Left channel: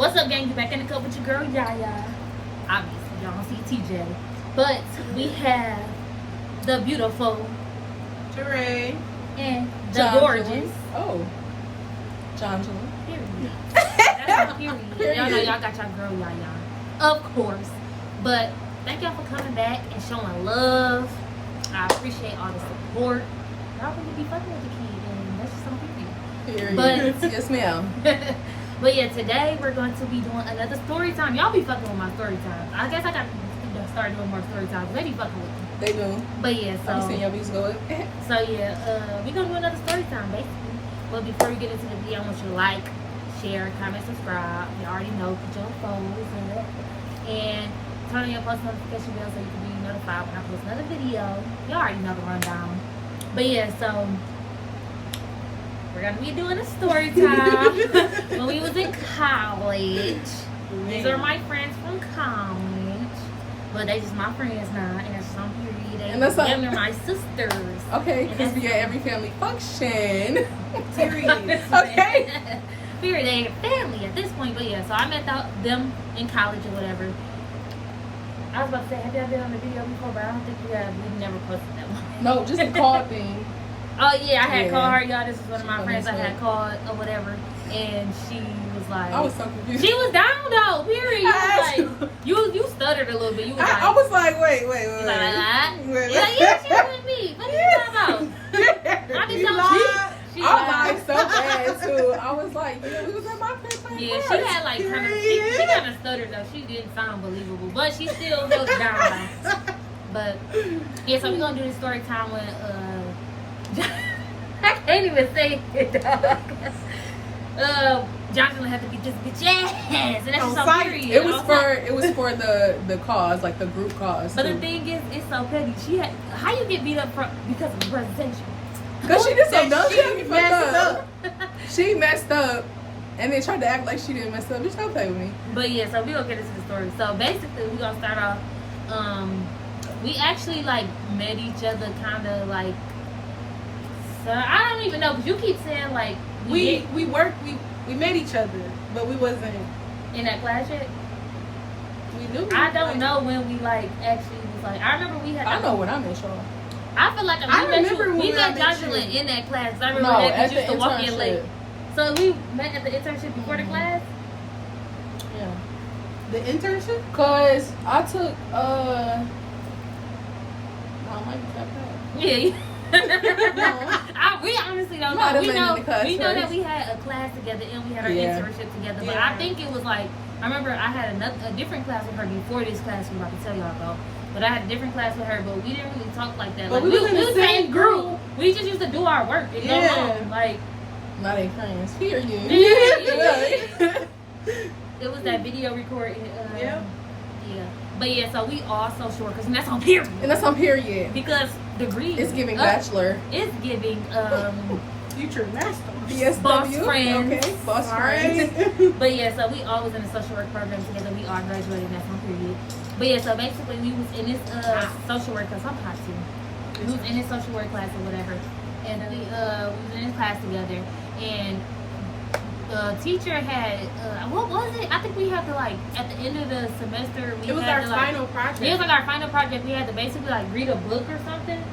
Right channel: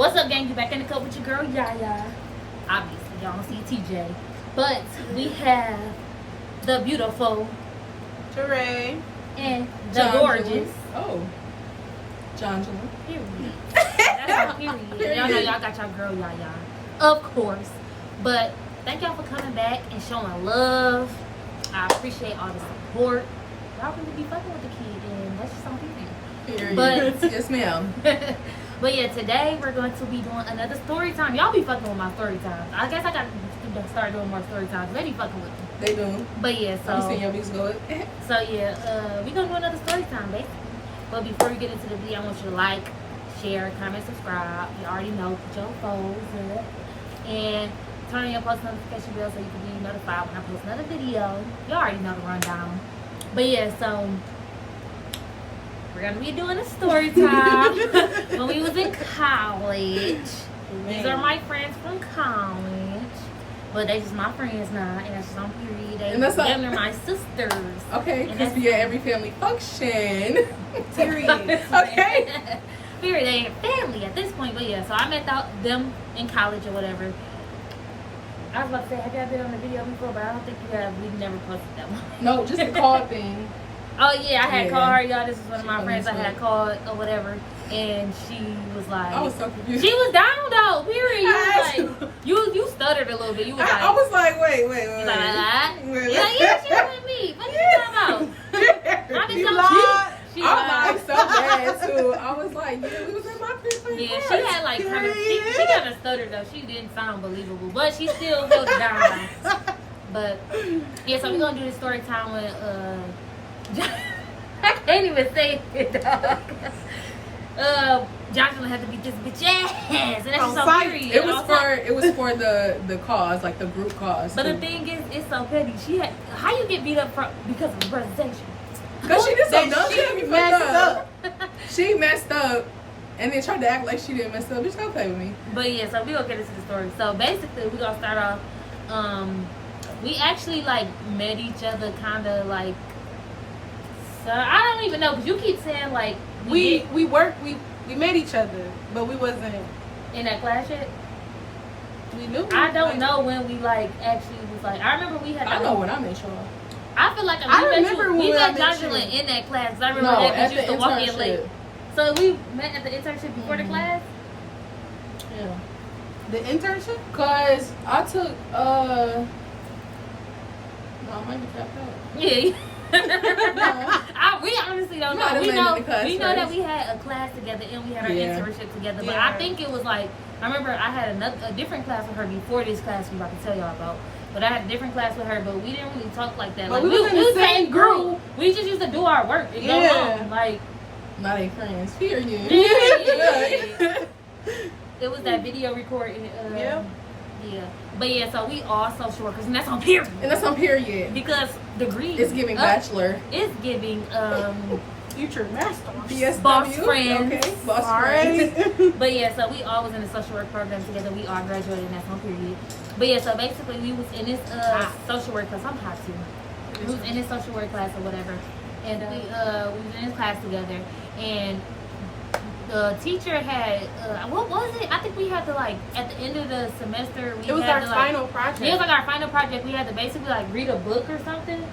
What's up, gang? You back in the cup with your girl, Yaya. Obviously, y'all don't see TJ. But we have the beautiful Teray and the gorgeous. Oh. John. Period. That's my period. Y'all know y'all got your girl, Yaya. Of course. But thank y'all for coming back and showing love. I appreciate all the support. Y'all really be fucking with the kid, and that's just on period. But yes, ma'am. But yeah, today we're going to be doing another story time. Y'all be fucking with my story times. I guess I got to start doing more story times. They be fucking with them. They do. But yeah, so I'm seeing your beats go. So yeah, we gonna do another story time basically. But before we get into the video, I want you to like, share, comment, subscribe. You already know, put your phones up, and turn on your post notification bell so you can be notified when I post another video. You already know the rundown. But yeah, so we're gonna be doing a story time when we was in college. These are my friends from college, but they just my friends now, and that's just on period. They're my sisters. Okay, because you're at every family function. Period. Okay. Period. They are family at this point, but yeah. So I met them in college or whatever. I was about to say, have y'all been on the video before? But I don't think we have. We never posted that one. No, just the call thing. Oh yeah, I had called her, y'all. This is one of my friends I had called or whatever, and she was like, I was so confused. She was down though. Period. You was like, you stuttered a little bit. You was like, I was like, wait. Like, yeah, she with me. What are you talking about? I been I lied so bad too. I was like, yeah, we was at my crib. Yeah, she had like kind of, she kind of stuttered though. She didn't sound believable, but she still held it down. But yeah, so we're gonna do this story time with I can't even say it, dog. John's gonna have to beat this bitch ass, and that's so period. It was for the cause, like the group cause. But the thing is, it's so petty. How you get beat up because of the presentation? Because she did some dumb shit. She messed up, and then tried to act like she didn't mess up. Bitch, don't play with me. But yeah, so we gonna get into the story. So basically, we gonna start off. We actually like met each other, kind of like. So I don't even know, because you keep saying like we met each other, but we wasn't in that class yet. We knew. I don't know when we like actually was like. I remember we had. I know when I met y'all. I feel like we met Jocelyn in that class. I remember that because you used to walk in late. So we met at the internship before the class. Yeah. The internship? Cause I took no, I might be dropped out. Yeah. We honestly don't know. We know that we had a class together and we had our internship together. But I think it was like, I remember I had a different class with her before this class we about to tell y'all about. But I had a different class with her, but we didn't really talk like that. Like we was in the same group. We just used to do our work and go home. Like, not ain't friends. Period. Yeah. It was that video recording. Yeah. But yeah, so we all social workers, and that's on period. Because degrees. It's giving bachelor. It's giving future master. Boss friends. Okay. Boss friends. But yeah, so we all was in the social work program together. We all graduated, and that's on period. But yeah, so basically we was in this social work class. I'm hot too. We was in this social work class or whatever, and we was in this class together, and the teacher had what was it? I think we had to like at the end of the semester it was our final project. Yeah, it was like our final project. We had to basically like read a book or something,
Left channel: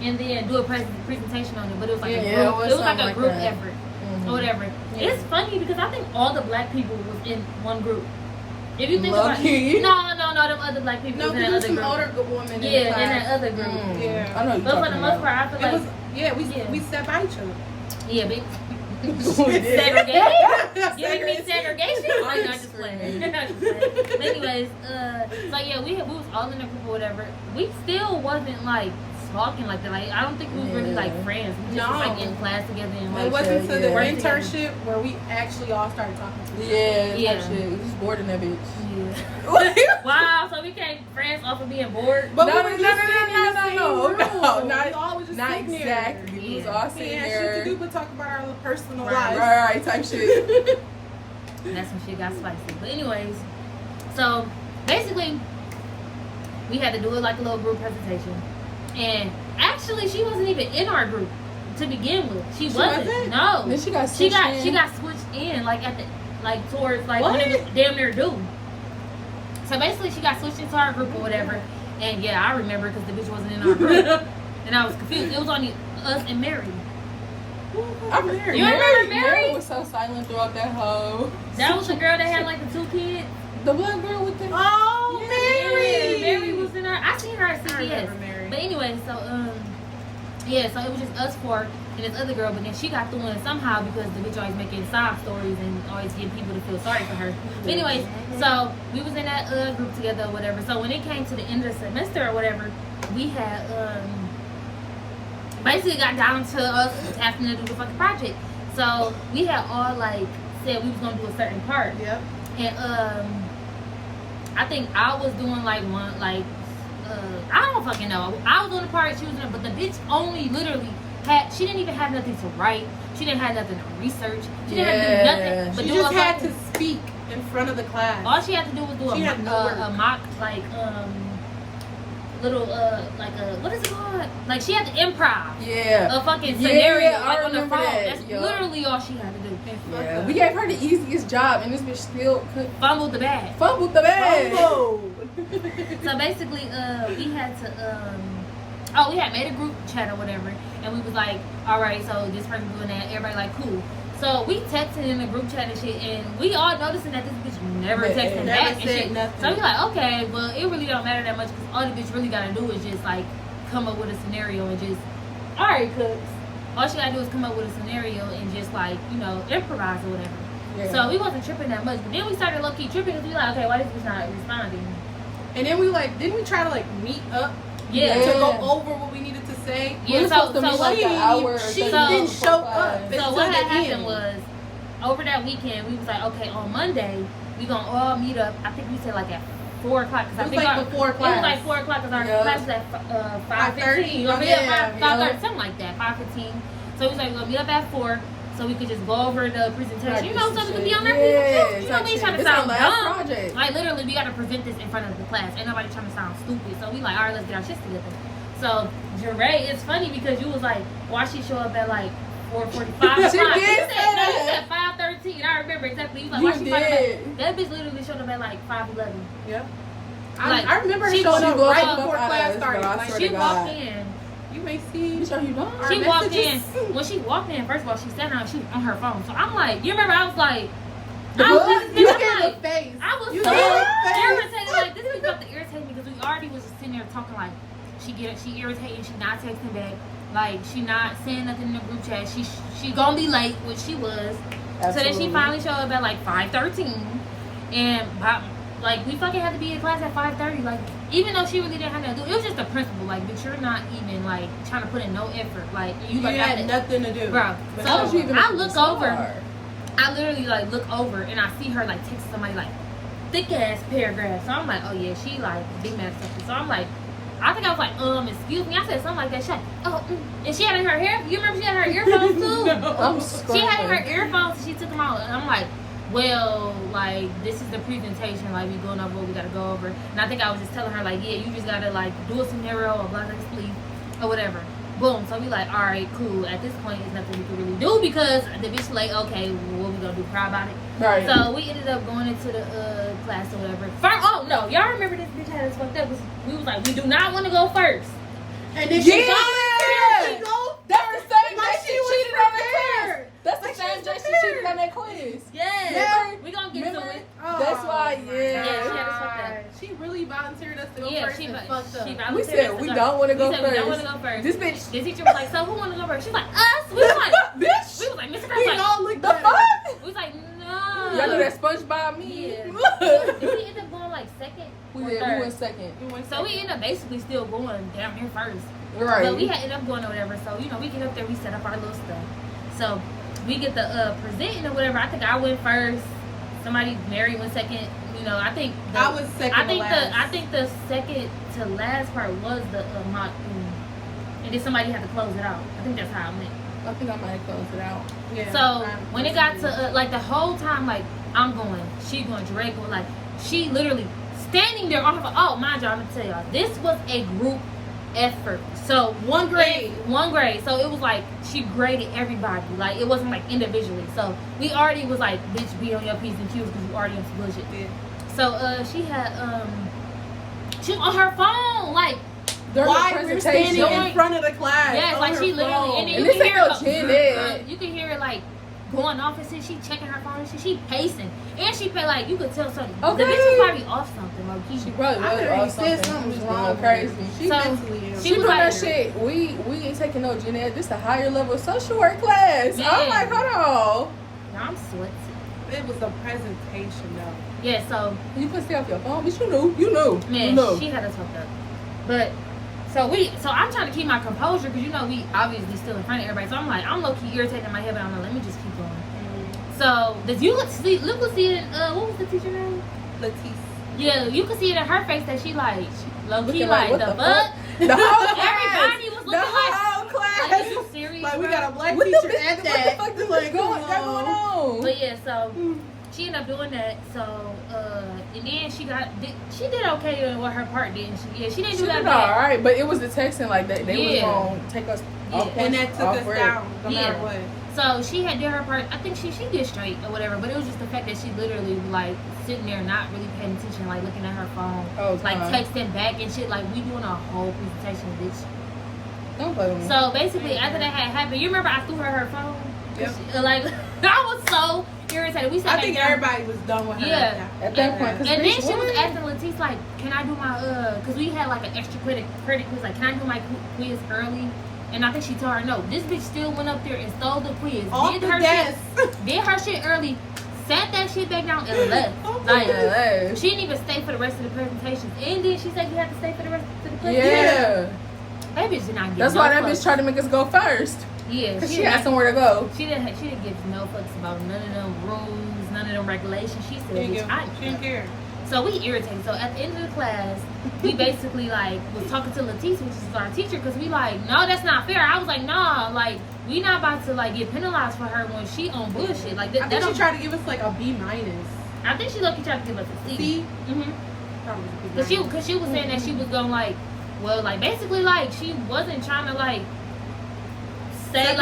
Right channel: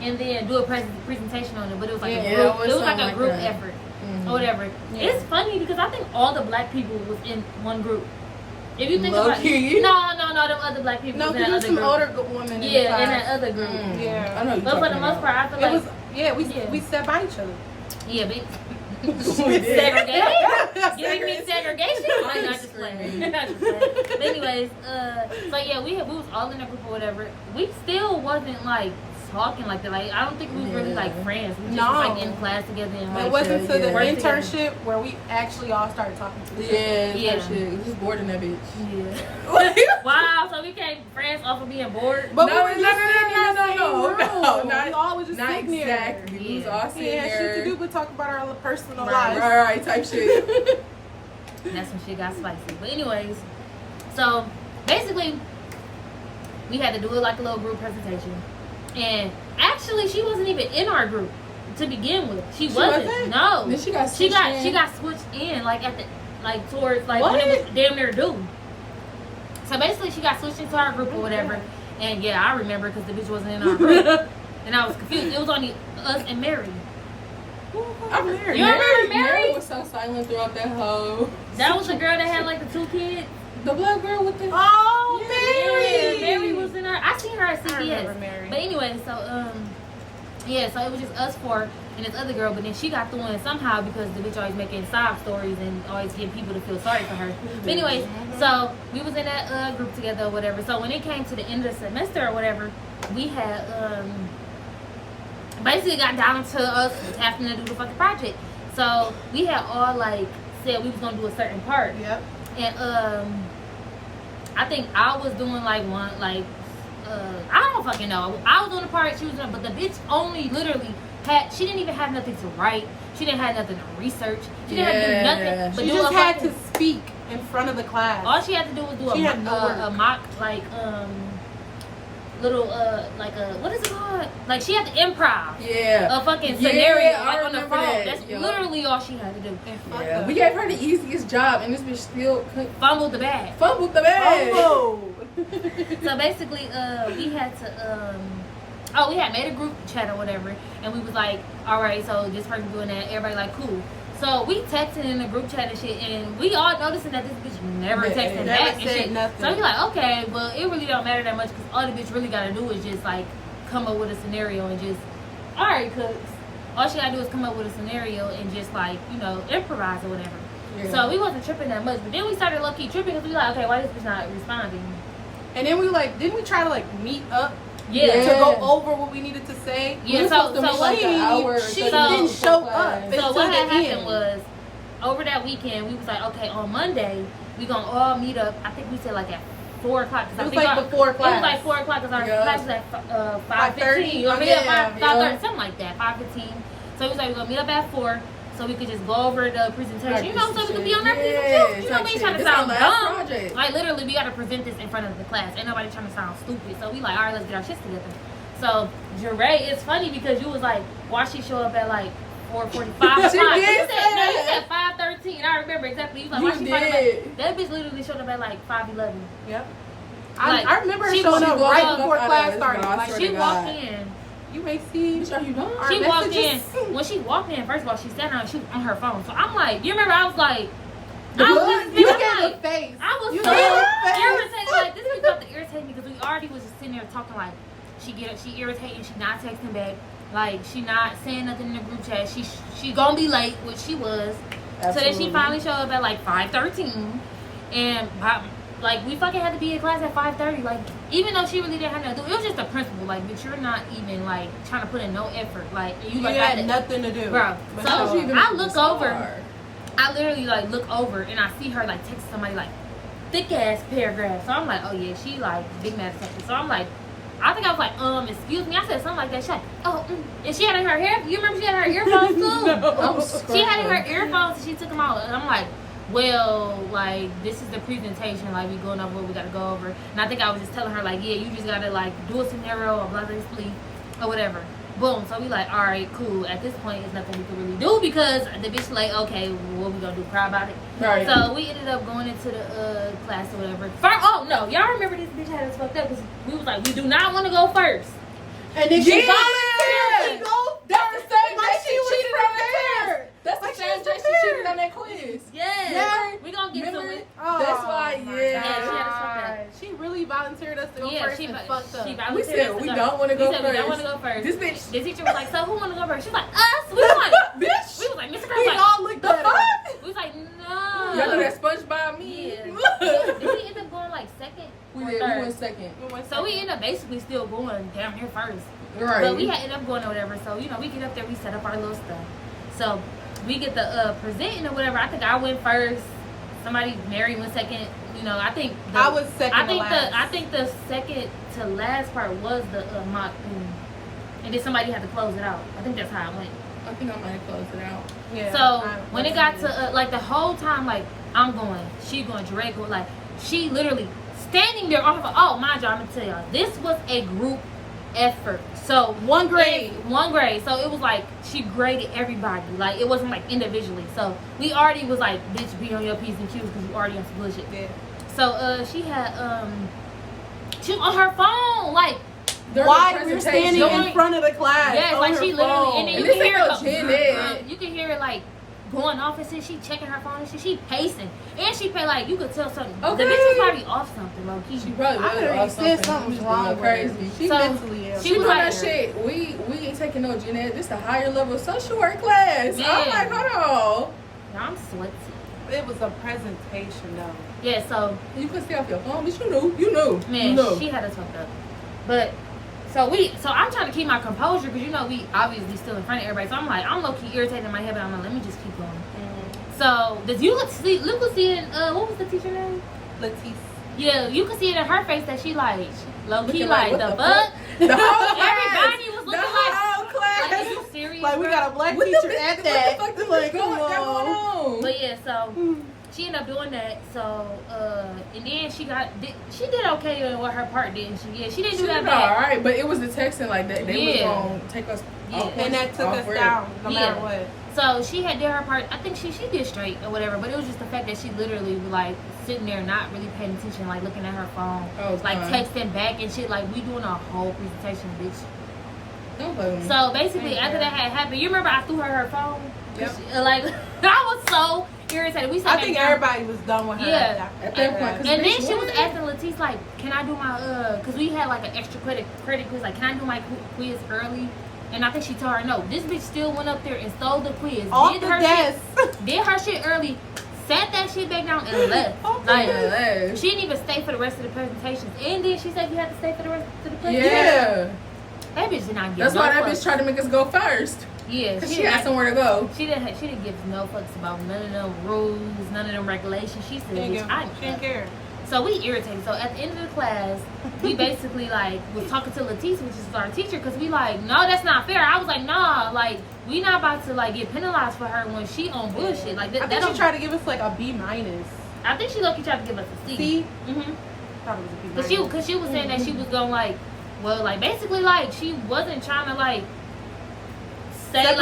and then do a presentation on it. But it was like a group. It was like a group effort or whatever. Yeah. It's funny because I think all the black people was in one group. If you think about it, no, them other black people was in that other group. Older women in that other group. Yeah, I know. But for the most part, I feel like we sat by each other. Yeah, but segregation? You mean segregation? I'm not just playing. But anyways, so yeah, we was all in a group or whatever. We still wasn't like talking like that. Like I don't think we was really like friends. We just was like in class together and like it wasn't until the internship where we actually all started talking to each other. Yeah. We was bored in that bitch. Yeah. Wow, so we became friends off of being bored. But no, not exactly. We was all sitting there. Shit to do but talk about our personal lives. Right, type shit. That's some shit got spicy. But anyways, so basically we had to do it like a little group presentation. And actually, she wasn't even in our group to begin with. She wasn't. No. Then she got switched in. She got switched in like at the like towards like when it was damn near due. So basically, she got switched into our group or whatever. And yeah, I remember because the bitch wasn't in our group, and I was confused. It was only us and Mary. I remember. You remember Mary? Mary was so silent throughout that whole. That was the girl that had like the 2 kids. The black girl with the. Oh, yeah, Mary! Yeah, Mary was in our. I seen her at CVS. But anyway, so yeah, so it was just us 4 and this other girl. But then she got through in somehow because the bitch always making sob stories and always getting people to feel sorry for her. But anyways, so we was in that group together or whatever. So when it came to the end of the semester or whatever, we had basically got down to us having to do the fucking project. So we had all like said we was gonna do a certain part. Yep. And I think I was doing like one like I don't fucking know. I was doing the part she was doing, but the bitch only literally had, she didn't even have nothing to write. She didn't have nothing to research. She didn't have to do nothing. But she just had to speak in front of the class. All she had to do was do a mock like little like a what is it called? Like she had to improv. Yeah. A fucking scenario I like on the phone. That's Yo. literally all she had to do. Yeah. We gave her the easiest job, and this bitch still fumbled the bag. Fumbled the bag. So basically, we had to we had made a group chat or whatever, and we was like, all right, so this person doing that, everybody like cool. So we texted in the group chat and shit, and we all noticing that this bitch never texting back and shit. Nothing. So we like, okay, well it really don't matter that much because all the bitch really gotta do is just like come up with a scenario and just, all right, cooks. All she gotta do is come up with a scenario and just like, you know, improvise or whatever. Yeah. So we wasn't tripping that much, but then we started low key tripping because we like, okay, why this bitch not responding? And then we like, didn't we try to like meet up? Yeah. To go over what we needed to say. Yeah, so like an hour she didn't show up. So what had happened was, over that weekend, we was like, okay, on Monday, we gonna all meet up. I think we said like at 4 o'clock. Cause it was like before class. It was like 4 o'clock because our class was at 5:15. Or 5:30, something like that, 5:15. So we was like, we're gonna meet up at 4. So we could just go over the presentation, you know, so we could be on our presentation. You know, we ain't trying to sound dumb. Like literally, we gotta present this in front of the class. Ain't nobody trying to sound stupid. So we like, all right, let's get our shit together. So Jeray, it's funny because you was like, why she show up at like 4:45? She did. You said 5:13. I remember exactly. You was like, why she talking about that bitch? Literally showed up at like 5:11. Yep. Like, I remember her showing up right before class started. Like, she walked in. You may see. She walked in. When she walked in, first of all, she sat down. She was on her phone. So I'm like, you remember? I was like, I was so irritated. Like this was about to irritate me because we already was just sitting there talking like she irritated. She not texting back. Like she not saying nothing in the group chat. She gonna be late, which she was. Absolutely. So then she finally showed up at like 5:13, and like we fucking had to be in class at 5:30. Like even though she really didn't have nothing to do, it was just a principle. Like, but you're not even like trying to put in no effort. Like you like had nothing to do, bro. So I look over. I literally like look over and I see her like text somebody like thick ass paragraph. So I'm like, oh yeah, she like big mad something. So I'm like, I think I was like, excuse me. I said something like that. She's like, and she had in her hair. You remember she had her earphones too? She had in her earphones and she took them out. And I'm like, well, like this is the presentation. Like we going over what we gotta go over. And I think I was just telling her like, yeah, you just gotta like do a scenario or blah blah blah or whatever. Boom. So we like, all right, cool. At this point, there's nothing we can really do because the bitch like, okay, well, what we gonna do? Cry about it? Right. So we ended up going into the class or whatever. Oh no, y'all remember this bitch had us fucked up? We was like, we do not want to go first. And then she volunteered to go. That's the same day she cheated on that quiz. That's the same day she cheated on that quiz. Yes. We gonna get to it. That's why. Yeah. Yeah, she had us fucked up. She really volunteered us to go first. She fucked up. We said we don't want to go first. We don't want to go first. This bitch. The teacher was like, so who want to go first? She was like, us. We was like, bitch. We was like, Mr. Crab, like, all looked at us. We was like, no. Y'all know that SpongeBob meme? Yeah. Did we end up going like second? We went second. So we ended up basically still going damn near first. Right. But we had ended up going or whatever. So, you know, we get up there, we set up our little stuff. So we get the presenting or whatever. I think I went first. Mary went second. You know, I think I was second. I think the second to last part was the mock thing. And then somebody had to close it out. I think that's how it went. I think I might have closed it out. Yeah. So when it got to like the whole time, like I'm going, she going, Jeray going, like she literally standing there on her phone. Oh, mind you, I'm gonna tell y'all, this was a group effort. So One grade. So it was like she graded everybody. Like it wasn't like individually. So we already was like, bitch, be on your P's and Q's because you already on some bullshit. Yeah. So she had she was on her phone like. Why we're standing in front of the class? Yes, like she literally, and then you can hear her. You can hear it like going off and shit. She checking her phone and shit. She pacing, and she pay like you could tell something. Okay. The bitch was probably off something. Like she probably was off something. Something's wrong, crazy. She mentally ill. She was like that shit. We ain't taking no genetic. This a higher level social work class. Man. I'm like, hold on. I'm sweaty. It was a presentation though. Yeah, so you could stay off your phone, but you knew. Man, you knew. she had us fucked up. But so I'm trying to keep my composure because you know we obviously still in front of everybody. So I'm like, I'm low key irritated in my head, but I'm like, let me just keep going. So you could see it. What was the teacher name? Leticia. Yeah, you could see it in her face that she like low key like the fuck. The whole class. Everybody was looking the whole like, class. like, are you serious? Like we bro? got a black What teacher the, at what that. the fuck is going on? But yeah, so she ended up doing that. So and then she did okay with her part, didn't she? Yeah, she didn't do that bad. All right, but it was the texting like that. They was gonna take us off course, and that took us down no matter what. So she had did her part. I think she did straight or whatever. But it was just the fact that she literally was like sitting there not really paying attention, like looking at her phone, like texting back and shit. Like we doing a whole presentation, bitch. Don't blame me. So basically, after that had happened, you remember I threw her phone? Yep. Like I was so irritated. We I think everybody was done with her. Yeah. At that point. And then she was asking Leticia like, "Can I do my cause we had like an extra credit quiz. Like, can I do my quiz early?" And I think she told her no. This bitch still went up there and stole the quiz. Off the desk. Did her shit early. Sat that shit back down and left. Like, she didn't even stay for the rest of the presentations. And then she said you had to stay for the rest of the presentation. Yeah. That bitch did not give That's no why that fucks. bitch tried to make us go first. Yeah. Because she had somewhere to go. She didn't give no fucks about none of them rules, none of them regulations. She said, bitch, I didn't care. So we irritated. So at the end of the class, we basically like was talking to Leticia, which is our teacher, because we like, no, that's not fair. I was like, nah, like we not about to like get penalized for her when she on bullshit. Like I think she tried to give us like a B-. I think she lucky tried to give us a C. C? Because she was saying that she was gonna like, well, like basically like she wasn't trying to like say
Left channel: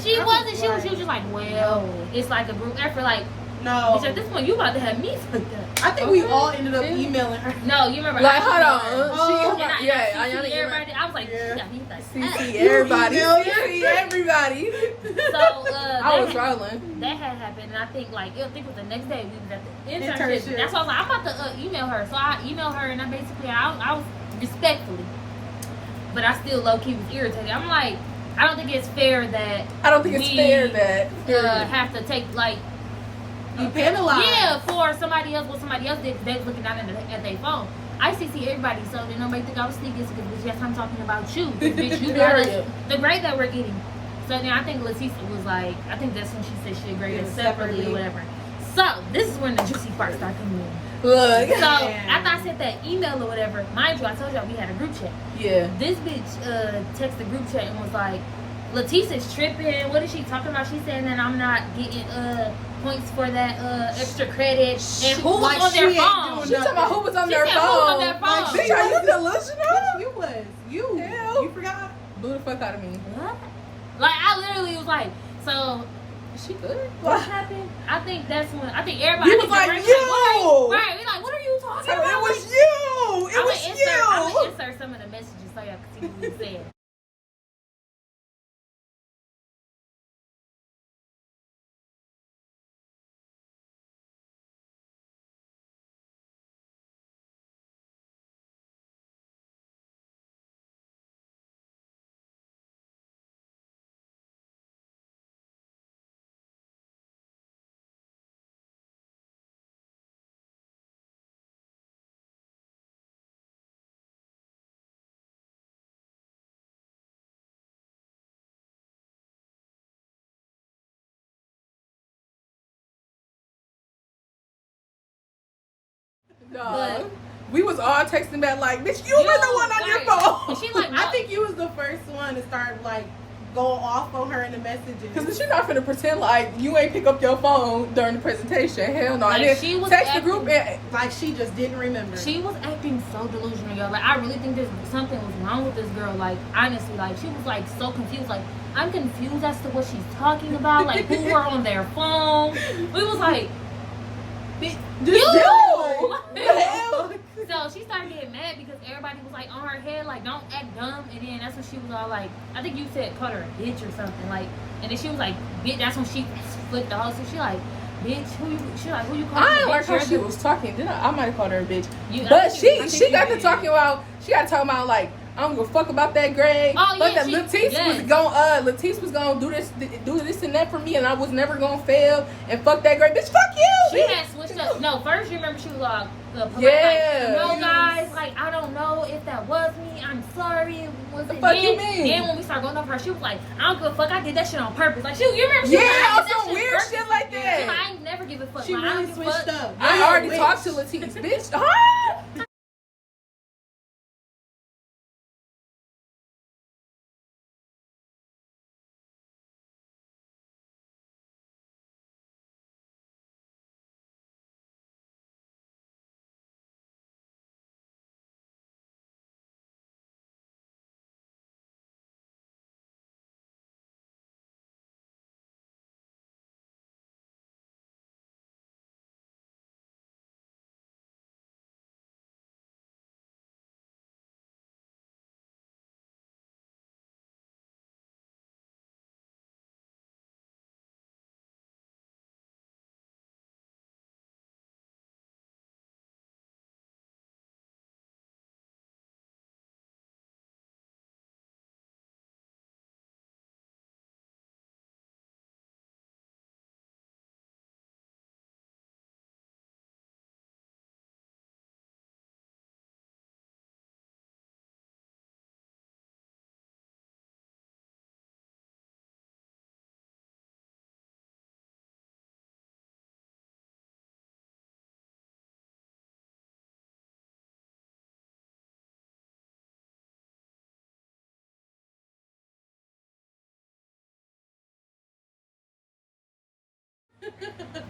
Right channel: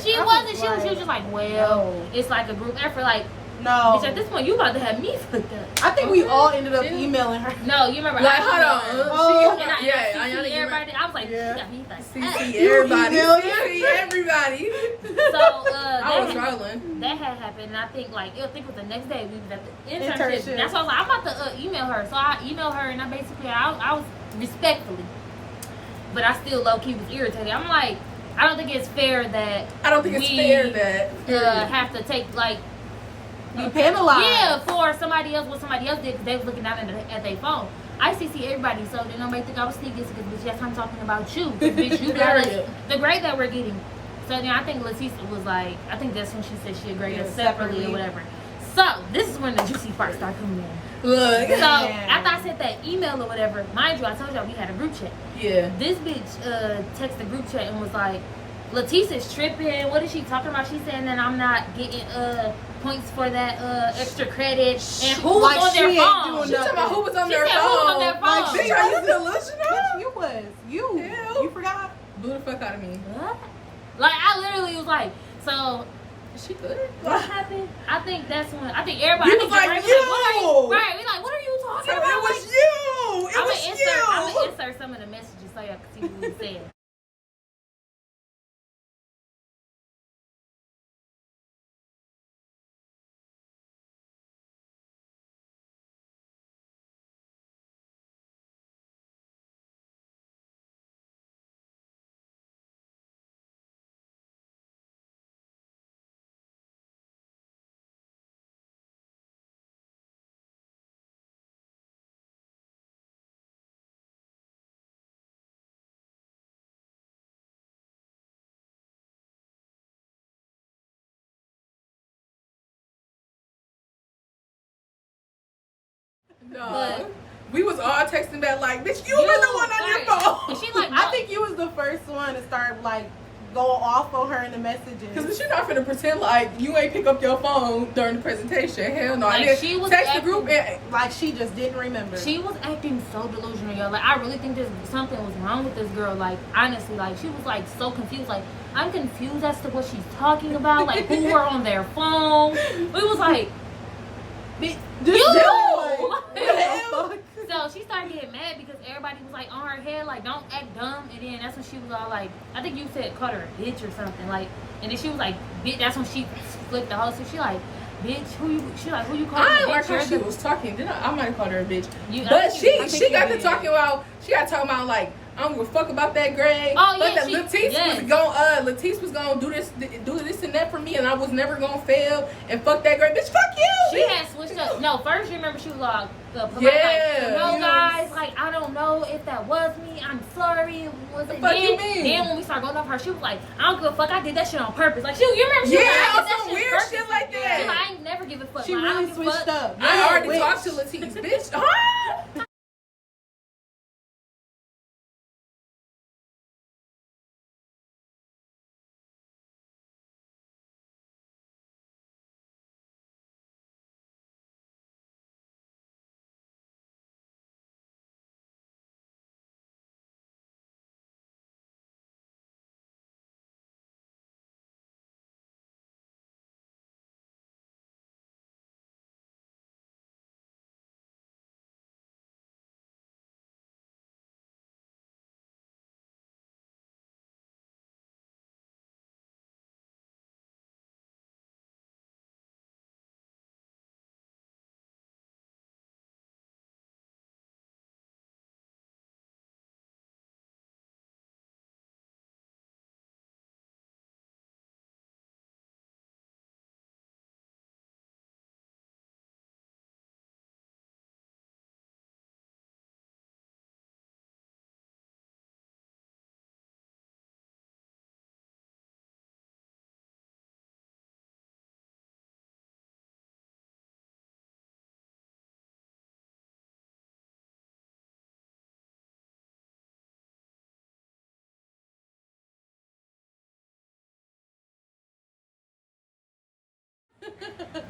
she was just like, well, it's like a group effort, like. No. Because at this point, you about to have me fucked up. I think we all ended up emailing her. No, you remember? Like, hold on. I was like, she got me fucked up. See everybody. See everybody. So I was rolling. That had happened, and I think it was the next day we was at the internship. That's why I was like, I'm about to email her. So I emailed her, and I was respectfully, but I still low key was irritated. I'm like, I don't think it's fair that have to take like. You penalized. Yeah, for somebody else, what somebody else did, because they was looking down at their phone. I see everybody, so then nobody think I was sneaky because bitch, yes, I'm talking about you. Bitch, you got us the grade that we're getting. So then I think Leticia was like, I think that's when she said she'd grade us separately or whatever. So this is when the juicy part started coming in. Look. So after I sent that email or whatever, mind you, I told y'all we had a group chat. Yeah. This bitch texted the group chat and was like, Leticia's tripping. What is she talking about? She's saying that I'm not getting points for that extra credit. And who was on their phone? She talking about who was on their phone. Who was on their phone? Bitch, are you delusional? You was. You forgot? Blew the fuck out of me. What? Like, I literally was like, so... Is she good? What happened? I think that's when... I think everybody... You was like, you! Right, we like, what are you talking about? It was you! It was you! I'm going to insert some of the messages so y'all can see what we said. No. But we was all texting back like, bitch, you were the one on your phone. And she like, I think you was the first one to start like go off on her in the messages. Because she's not finna pretend like you ain't pick up your phone during the presentation. Hell no. Like, And then she was text the acting- group and Like she just didn't remember. She was acting so delusional, y'all. Like, I really think something was wrong with this girl. Like, honestly, like, she was, like, so confused. Like, I'm confused as to what she's talking about. Like, who were on their phone. We was like, bitch, Just you! What the hell? So she started getting mad because everybody was, like, on her head, like, don't act dumb. And then that's when she was all like, I think you said called her a bitch or something. Like, and then she was like, bitch, that's when she flipped the whole thing. She like, bitch, who you calling I a didn't like bitch? how You're she the- was talking. Did I might have called her a bitch. I But think she got to did. talking about, like, I don't give a fuck about that grade. Oh, but yeah, that she- Latisse was gonna do this and that for me, and I was never gonna fail. And fuck that grade, bitch. Fuck you. She bitch. had switched up. No, first you remember she was like, polite, Yeah. like, no guys, like I don't know if that was me. I'm sorry. Was it? fuck you mean? Then when we started going over her, she was like, I don't give a fuck. I did that shit on purpose. Like you remember? She Yeah, was like, I on did that some shit weird purpose. shit like She was that. like, I ain't never give a fuck. She like, I really don't give a switched fuck. up. I Yeah, already witch. talked to Latisse, bitch. Huh?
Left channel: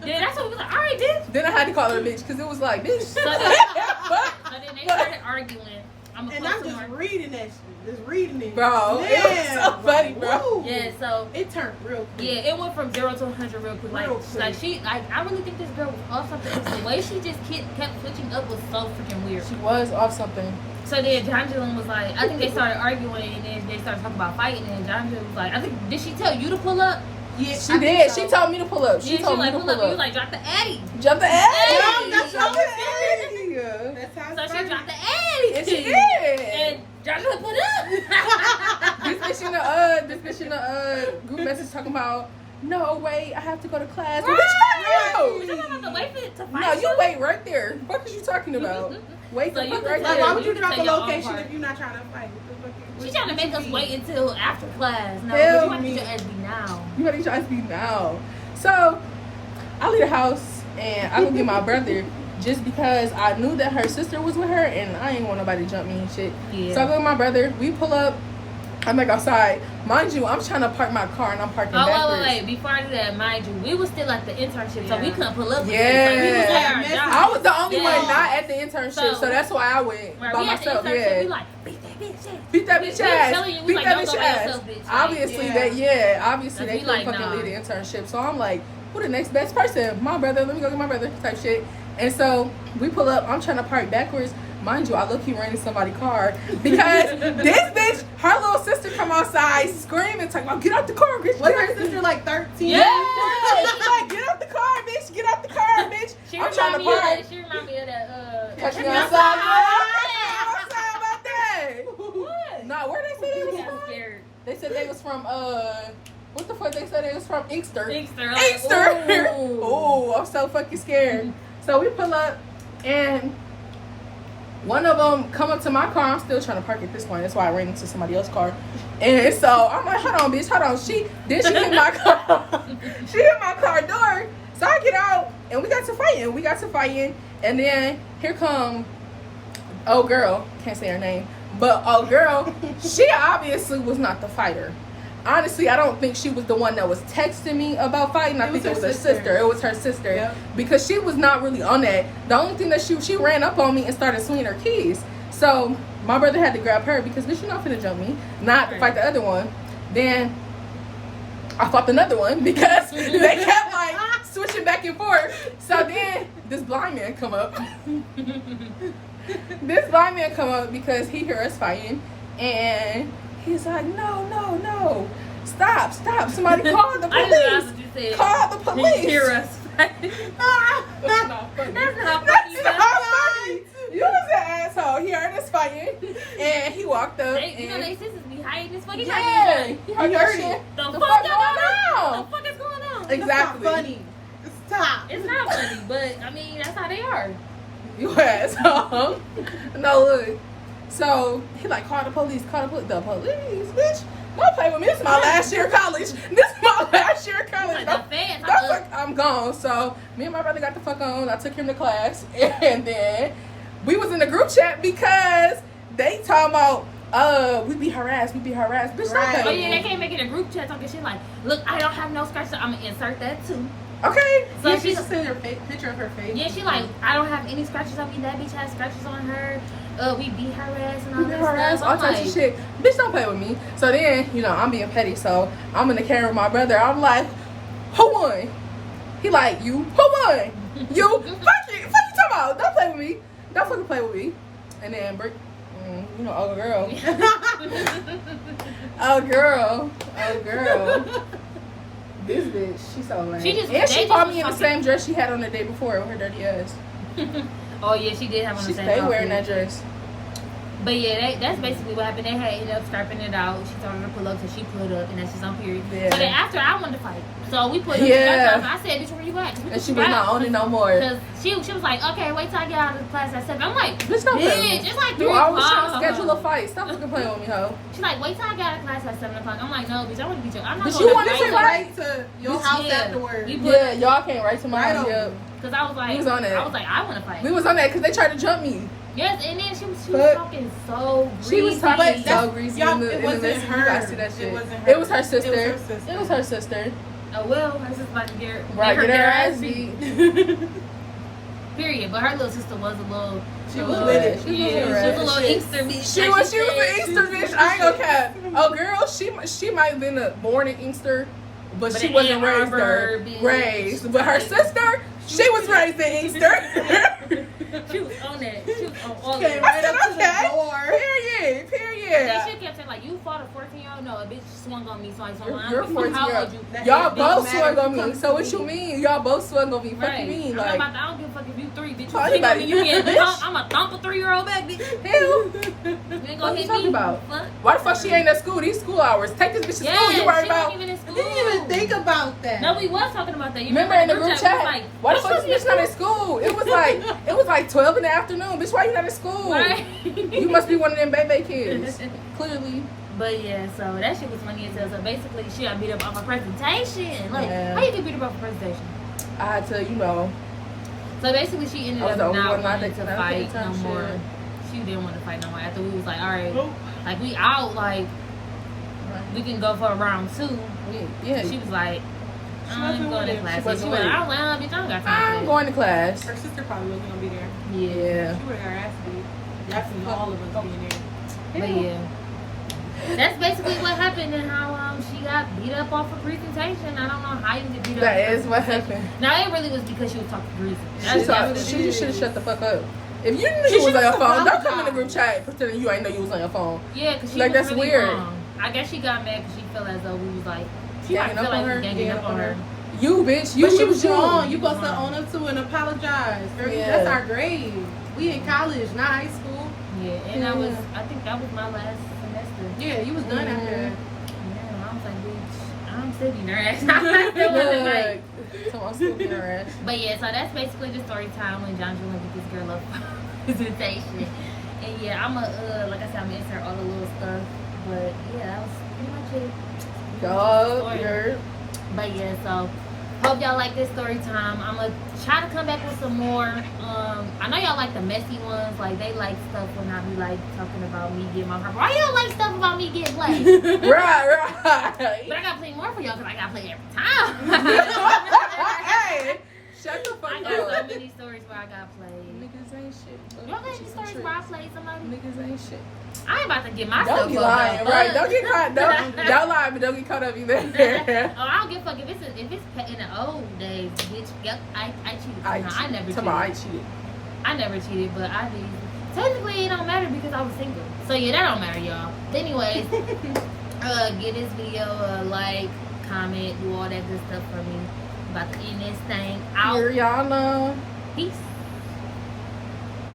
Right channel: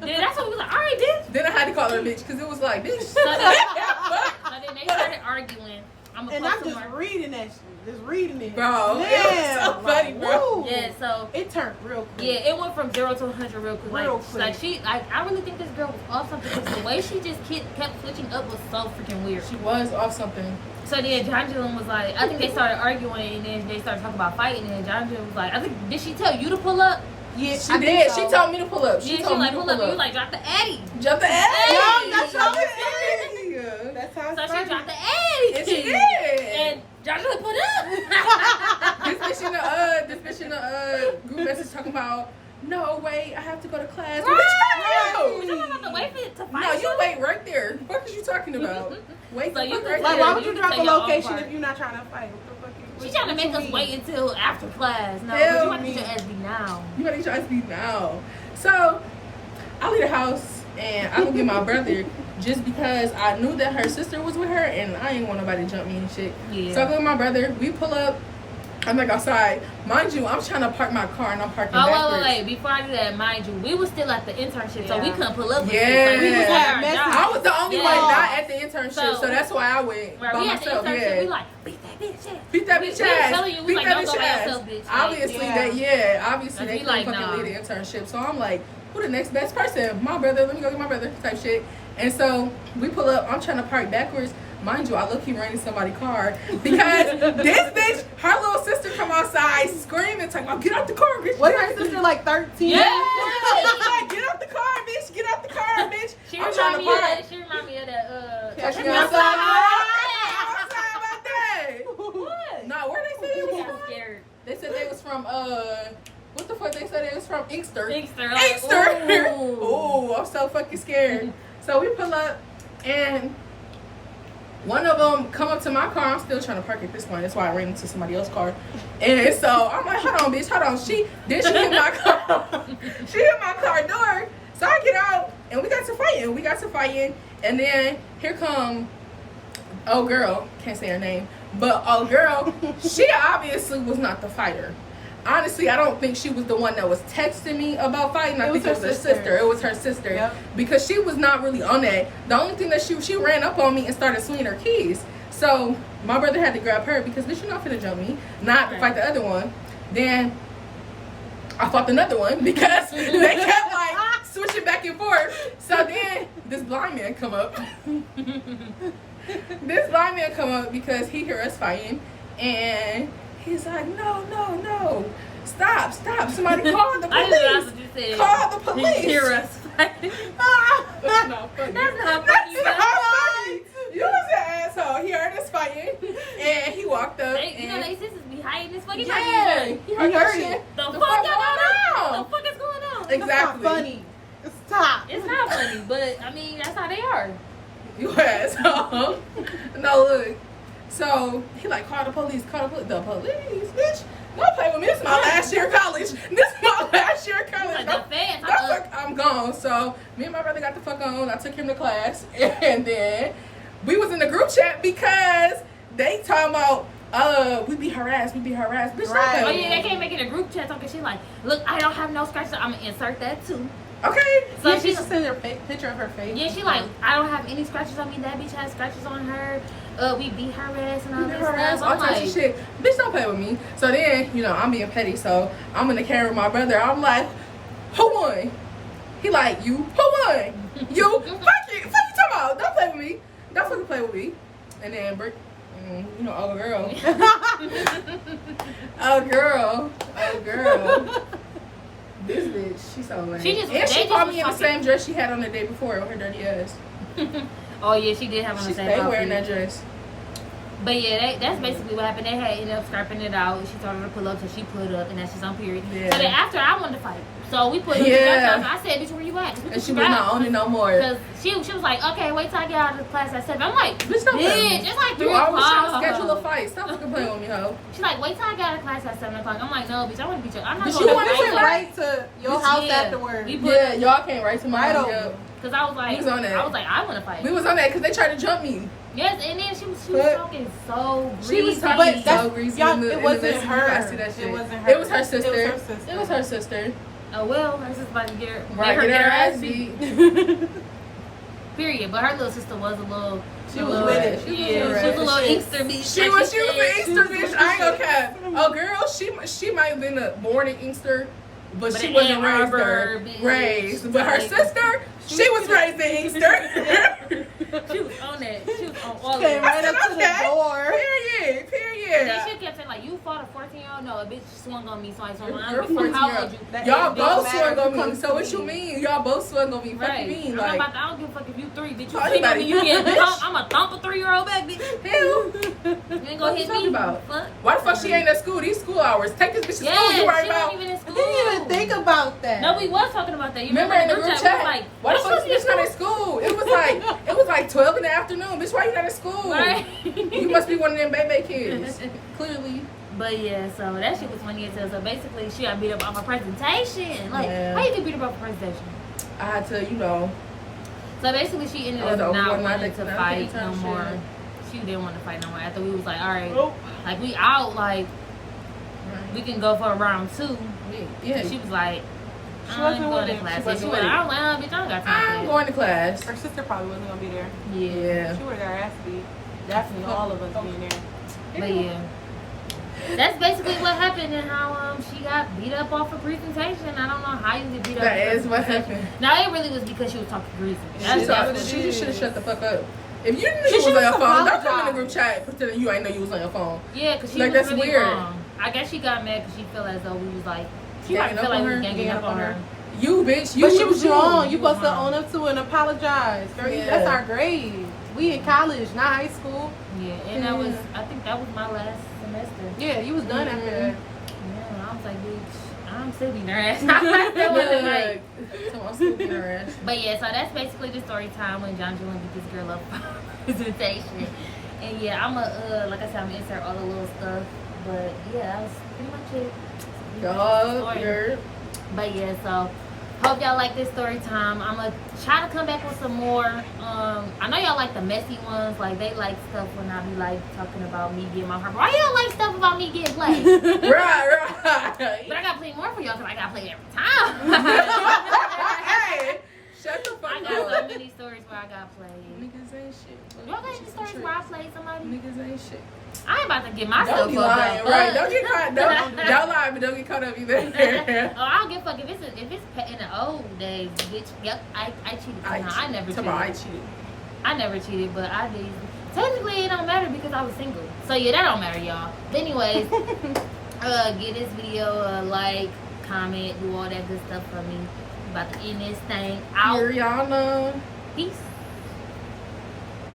Yeah, that's what we was like. All right, then. Then I had to call her a bitch because it was like this. So then they started arguing. I'm And gonna I'm post some just more. reading that shit. Just reading it. Bro, it was so funny, bro. woo. Yeah, so. It turned real quick. Yeah, it went from 0 to 100 real quick. Real quick. I really think this girl was off something. 'Cause the way she just kept switching up was so freaking weird. She was off something. So then John June was like, I think they started arguing, and then they started talking about fighting, and John June was like, I think, did she tell you to pull up? Yeah, She did. She told me to pull up. She told me like, to pull up, and you like, drop the Addy. jump the Hey! ass. No, that's Jump the what ass. That's how So it's she started. dropped the Addy. And she did. And John June put up. This bitch in the group message talking about, no, wait, I have to go to class. Right. Bitch, We no. talking about the wait for it to fight. No, you wait right there. What is you talking about? Wait So the you fuck can right tell- Like, why there. would you You drop can the say your own location part. if you're not trying to fight? What the fuck? She trying to make us wait until after class. No, Hell you want to get your ass beat now. You better try to speak now. So, I leave the house and I go get my brother just because I knew that her sister was with her and I ain't want nobody to jump me and shit. Yeah. So I go with my brother. We pull up. I'm like outside. Mind you, I'm trying to park my car and I'm parking Oh, backwards. wait. Before I do that, mind you, we was still at the internship, so we Yeah. couldn't pull up with Yeah. it. Like, we was at our Yeah. job. I was the only Yeah. one not at the internship, so So- that's why I went Right, by we at the myself. internship, Yeah. we like, beat that bitch ass. Beat that We- bitch we was ass. telling you, we Beat like, that don't bitch go by ass. yourself, bitch. Like, Obviously, obviously Like, they we like, couldn't fucking nah. leave the internship. So I'm like, who the next best person? My brother. Let me go get my brother. Type shit. And so we pull up. I'm trying to park backwards. Mind you, I look he ran in somebody's car because this bitch, her little sister come outside screaming, talking about get out the car, bitch. Was get out her the sister like 13? Yeah. She's like, get out the car, bitch. Get out the car, bitch. She I'm remind trying to me of park. that. She remind me of that. Catch me I'm outside. outside about that. What? Nah, where they say they We was got from? scared. They said they was from what the fuck they said they was from? Inkster. Inkster, like, Inkster. ooh. Oh, I'm so fucking scared. So we pull up and one of them come up to my car. I'm still trying to park at this point. That's why I ran into somebody else's car. And so I'm like, hold on, bitch, hold on. She hit my car. She hit my car door. So I get out and we got to fighting. And then here come old girl. Can't say her name. But old girl, she obviously was not the fighter. honestly, I don't think she was the one that was texting me about fighting. I think it was her sister. It was her sister. Yep. Because she was not really on that. The only thing that she ran up on me and started swinging her keys. So my brother had to grab her because bitch, you're not finna jump me. Not to fight the other one. Then I fought another one because they kept like switching back and forth. So then this blind man come up. This blind man come up because he heard us fighting, and he's like, no, stop, somebody call the police. I didn't know what you said. Call the police. Hear us fighting. That's not funny. That's not That's funny. not funny. You was an asshole. He heard us fighting, and he walked up. You know they sisters be hiding this fucking Yeah, thing. he heard it. The The fuck fuck going on? on? The fuck is going on? Exactly. That's not funny. Stop. It's not funny, but I mean that's how they are. You asshole. No, look. So he like, call the police, the police, bitch. Don't play with me. This is my last year of college. Like the fans. I'm gone. So me and my brother got the fuck on. I took him to class, and then we was in the group chat because they talking about we be harassed. Bitch, Right. don't play Oh with yeah, me. they can't make it a group chat talking shit like, look, I don't have no scratches. I'm gonna insert that too. Okay. So So she she's just sent her picture of her face. yeah, she like, I don't have any scratches on me. That bitch has scratches on her. We be harassed and all We be that harassed, stuff. all I'm types like, of shit. Bitch, don't play with me. So then, I'm being petty, so I'm in the camera with my brother. I'm like, who won? He like, you. Who won? You. Fuck you. Fuck you talking about? Don't play with me. Don't fucking play with me. And then, oh girl. Oh girl. This bitch, she's so lame. And she caught me in the same dress she had on the day before with her dirty ass. Oh yeah, she did have on the same They outfit. wearing that dress. But yeah, that's basically what happened. They had ended up scrapping it out. She told her to pull up, so she put up, and then she's on period. Yeah. So then after I wanted to fight, so we put up Yeah. together. I said, "Bitch, where you at?" And she was not on it no more. Because she was like, "Okay, wait till I get out of the class at 7." I'm like, Bitch, don't play with me. "Bitch, it's like 3 You always trying to o'clock." schedule a fight. Stop fucking playing with me, ho. She's like, "Wait till I get out of class at 7 o'clock." I'm like, "No, bitch, I want to beat you. I'm not But going you to wanna fight say you." Right to your house Yeah. afterwards. We put Yeah, y'all came right to my Right house. over. Yep. Because I was like, We was on that. I was like, I want to fight. We was on that because they tried to jump me. Yes, and then she was But- talking so She greasy. was talking But so that's- greasy y'all, in the it wasn't message. her. I see that shit. It wasn't her. It was her sister. It was her sister. It was her sister. Oh well, her sister about to get her, Right, make get her ass beat. beat. Period. But her little sister was a little. She a was little- with it. Yeah, She she was was with a it. little inkster bitch. She like was an said. Inkster bitch. I ain't gonna cap. Oh girl, she might have been born an Inkster, but But she an wasn't Ann raised Arbor there. bitch. Raised. But her Like- sister, she was raised in Inkster. She was on that. She was on all of Came it. right up to the door. Period. And then she kept saying like, "You fought a 14-year-old? No, a bitch swung on me, so I swung on You're her. How 14-year-old. old you?" Y'all It both don't swung matter on who me. comes So to what me. you mean? Y'all both swung on me. What Right. you mean? I'm Like, not about to, I don't give a fuck if you 3, bitch. You Oh, swing on me, you anybody get bitch. thumped. I'm a thump a 3-year-old back, bitch. hell. You ain't What gonna you hit talking me. about? Fuck. Why the fuck she ain't at school? These school hours. Take this bitch to Yeah, school. You worried she about? wasn't even in school. I didn't even think about that. No, we was talking about that. You Remember in the group we was chat? like, Why the "Bitch, fuck you is bitch not in school? It was like 12 in the afternoon. Bitch, why you not in school? Right. You must be one of them baby kids. Clearly. But yeah, so that shit was funny as hell. So basically, she got beat up off her presentation. Like, Yeah. how you get beat up off a presentation? I had to, So basically, she ended I was up the only not one not wanting to taking fight that no shit. more. She didn't want to fight no more. After we was like, all right, Nope. like we out, like we can go for a round 2. Yeah. She was like, She I'm wasn't going to with it. class. She She wasn't went, with it. well, bitch, I don't got time I'm for going to class. Her sister probably wasn't gonna be there. that. Yeah. Yeah. She would have got her ass beat. Definitely all of us being there. But yeah. That's basically what happened and how she got beat up off a presentation. I don't know how you get beat up. That off a is what presentation. happened. Now it really was because she was talking greasy. She That's what just should have shut the fuck up. If you knew She you was on your should've phone, don't come in the apologized. group chat pretending you ain't know you was on your phone. Yeah, because she Like, was that's really weird. wrong. I guess she got mad because she felt as though we was like, she might Ganging feel up like on we her? was ganging up on her. You, bitch. You But she was was wrong. You You was supposed to wrong. own up to it and apologize. Yeah. That's our grade. We in college, not high school. Yeah, and that was, I think that was my last semester. Yeah, you was done after that. Yeah, I was like, bitch, I'm sitting her ass. I still want to fight. So I'm still getting her ass. But yeah, so that's basically the story time when John Julian get this girl up presentation. And yeah, I'm like I said, I'm gonna insert all the little stuff. But yeah, that was pretty much it. Dog, you're But yeah, so Hope y'all like this story time. I'm gonna try to come back with some more. I know y'all like the messy ones. Like they like stuff when I be like talking about me getting my heart. Why you don't like stuff about me getting played? Right. But I gotta play more for y'all because I gotta play every time. Hey, shut the fuck I up. got so many stories where I got played. Niggas ain't shit. Y'all got any stories where I played somebody? Niggas ain't shit. I ain't about to get myself Don't be up, lying, though. right? Don't get caught. Don't lie, but don't get caught up either. Oh, I don't give a fuck if it's in the old days, bitch. Yep, I cheated. I never cheated. I cheated. I never cheated, but I did. Technically, it don't matter because I was single. So yeah, that don't matter, y'all. But anyways, give this video a like, comment, do all that good stuff for me. I'm about to end this thing out. Here, y'all know. Peace.